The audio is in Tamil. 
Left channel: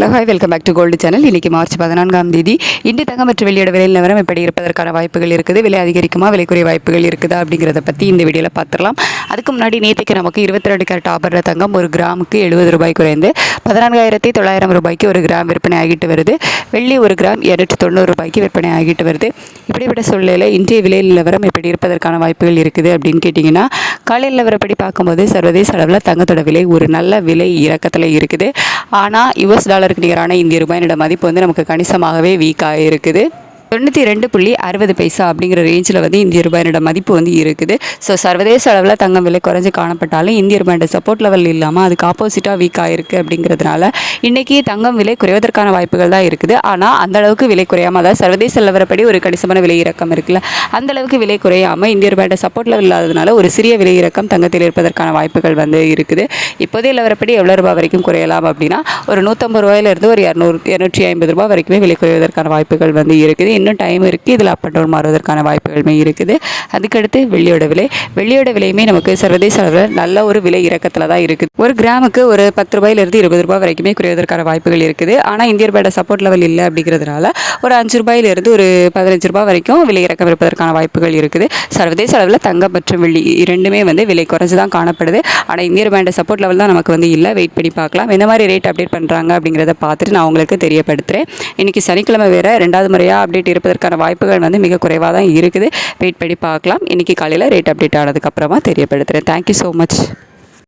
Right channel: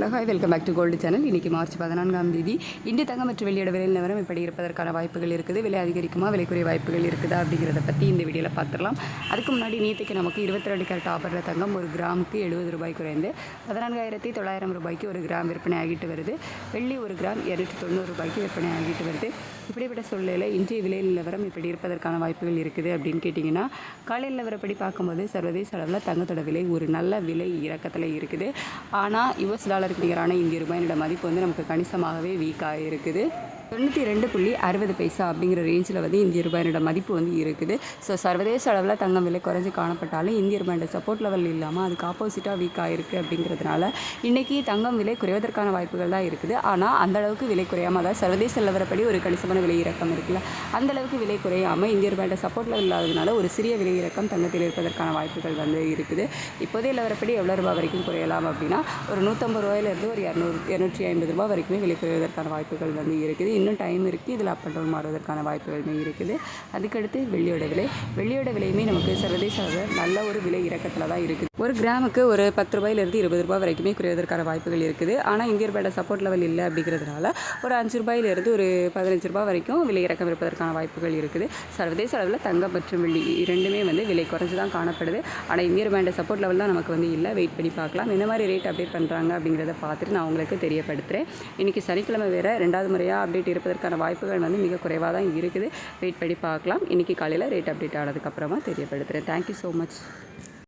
Hello hi welcome back to gold channel. இன்றைக்கி மார்ச் 14ஆம் தேதி இன்று தங்கம் மற்றும் வெள்ளியோட விலை நிலவரம் எப்படி இருப்பதற்கான வாய்ப்புகள் இருக்குது, விலை அதிகரிக்குமா விலை குறைய வாய்ப்புகள் இருக்குதா அப்படிங்கிறத பற்றி இந்த வீடியோவில் பார்த்துடலாம். அதுக்கு முன்னாடி நேற்றுக்கு நமக்கு 22 கேரட் ஆபரண தங்கம் ஒரு கிராமுக்கு 70 ரூபாய் குறைந்து 14,900 ரூபாய்க்கு ஒரு கிராம் விற்பனை ஆகிட்டு வருது. வெள்ளி ஒரு கிராம் 290 ரூபாய்க்கு விற்பனை ஆகிட்டு வருது. இப்படிப்பட்ட சூழ்நிலையில் இன்றைய விலை நிலவரம் எப்படி இருப்பதற்கான வாய்ப்புகள் இருக்குது அப்படின்னு கேட்டிங்கன்னா, காலை நிலவரப்படி பார்க்கும்போது சர்வதேச அளவில் தங்கத்தோட விலை ஒரு நல்ல விலை இறக்கத்தில் இருக்குது. ஆனால் US டாலருக்கு நிகரான இந்திய ரூபாயினோட மதிப்பு வந்து நமக்கு கணிசமாகவே வீக்காக இருக்குது. 92.60 அப்படிங்கிற ரேஞ்சில் வந்து இந்திய ரூபாயினோட மதிப்பு வந்து இருக்குது. ஸோ சர்வதேச அளவில் தங்கம் விலை குறைஞ்சி காணப்பட்டாலும் இந்திய ரூபாயோட சப்போர்ட் லெவல் இல்லாமல் அதுக்கு ஆப்போசிட்டாக வீக் ஆகிருக்கு. அப்படிங்கிறதுனால இன்றைக்கி தங்கம் விலை குறைவதற்கான வாய்ப்புகள் தான் இருக்குது. ஆனால் அந்த அளவுக்கு விலை குறையாமல், அதாவது சர்வதேச நிலவரப்படி ஒரு கணிசமான விலை இறக்கம் இருக்குல்ல, அந்த அளவுக்கு விலை குறையாமல் இந்திய ரூபாயோட சப்போர்ட் லெவல் இல்லாததுனால ஒரு சிறிய விலை இறக்கம் தங்கத்தில் இருப்பதற்கான வாய்ப்புகள் வந்து இருக்குது. இப்போதைய நிலவரப்படி எவ்வளோ ரூபாய் வரைக்கும் குறையலாம் அப்படின்னா, ஒரு 150 ரூபாயிலிருந்து ஒரு 250 ரூபாய் வரைக்குமே விலை குறைவதற்கான வாய்ப்புகள் வந்து இருக்குது. இன்னும் டைம் இருக்குது. இதில் அப் அண்ட் டவுன் மாறுவதற்கான வாய்ப்புகளுமே இருக்குது. அதுக்கடுத்து வெள்ளியோட விலையுமே நமக்கு சர்வதேச அளவில் நல்ல ஒரு விலை இறக்கத்தில் தான் இருக்குது. ஒரு கிராமுக்கு ஒரு 10 ரூபாயிலிருந்து 20 ரூபாய் வரைக்குமே குறைவதற்கான வாய்ப்புகள் இருக்குது. ஆனால் இந்திய ரூபாயோட சப்போர்ட் லெவல் இல்லை அப்படிங்கிறதுனால ஒரு 5 ரூபாயிலிருந்து ஒரு 15 ரூபாய் வரைக்கும் விலை இறக்கம் இருப்பதற்கான வாய்ப்புகள் இருக்குது. சர்வதேச அளவில் தங்கம் மற்றும் வெள்ளி இரண்டுமே வந்து விலை குறைஞ்சு தான் காணப்படுது. ஆனால் இந்திய ரூபாயோட சப்போர்ட் லெவல் தான் நமக்கு வந்து இல்லை. வெயிட் பண்ணி பார்க்கலாம். எந்த மாதிரி ரேட் அப்டேட் பண்ணுறாங்க அப்படிங்கிறத பார்த்துட்டு நான் உங்களுக்கு தெரியப்படுத்துகிறேன். இன்றைக்கி சனிக்கிழமை வேறு 2வது முறையாக அப்டேட் இருப்பதற்கான வாய்ப்புகள் வந்து மிக குறைவாக தான் இருக்குது. வெயிட் பண்ணி பார்க்கலாம். இன்றைக்கி காலையில் ரேட் அப்டேட் ஆனதுக்கப்புறமா தெரியப்படுத்துகிறேன். Thank you so much.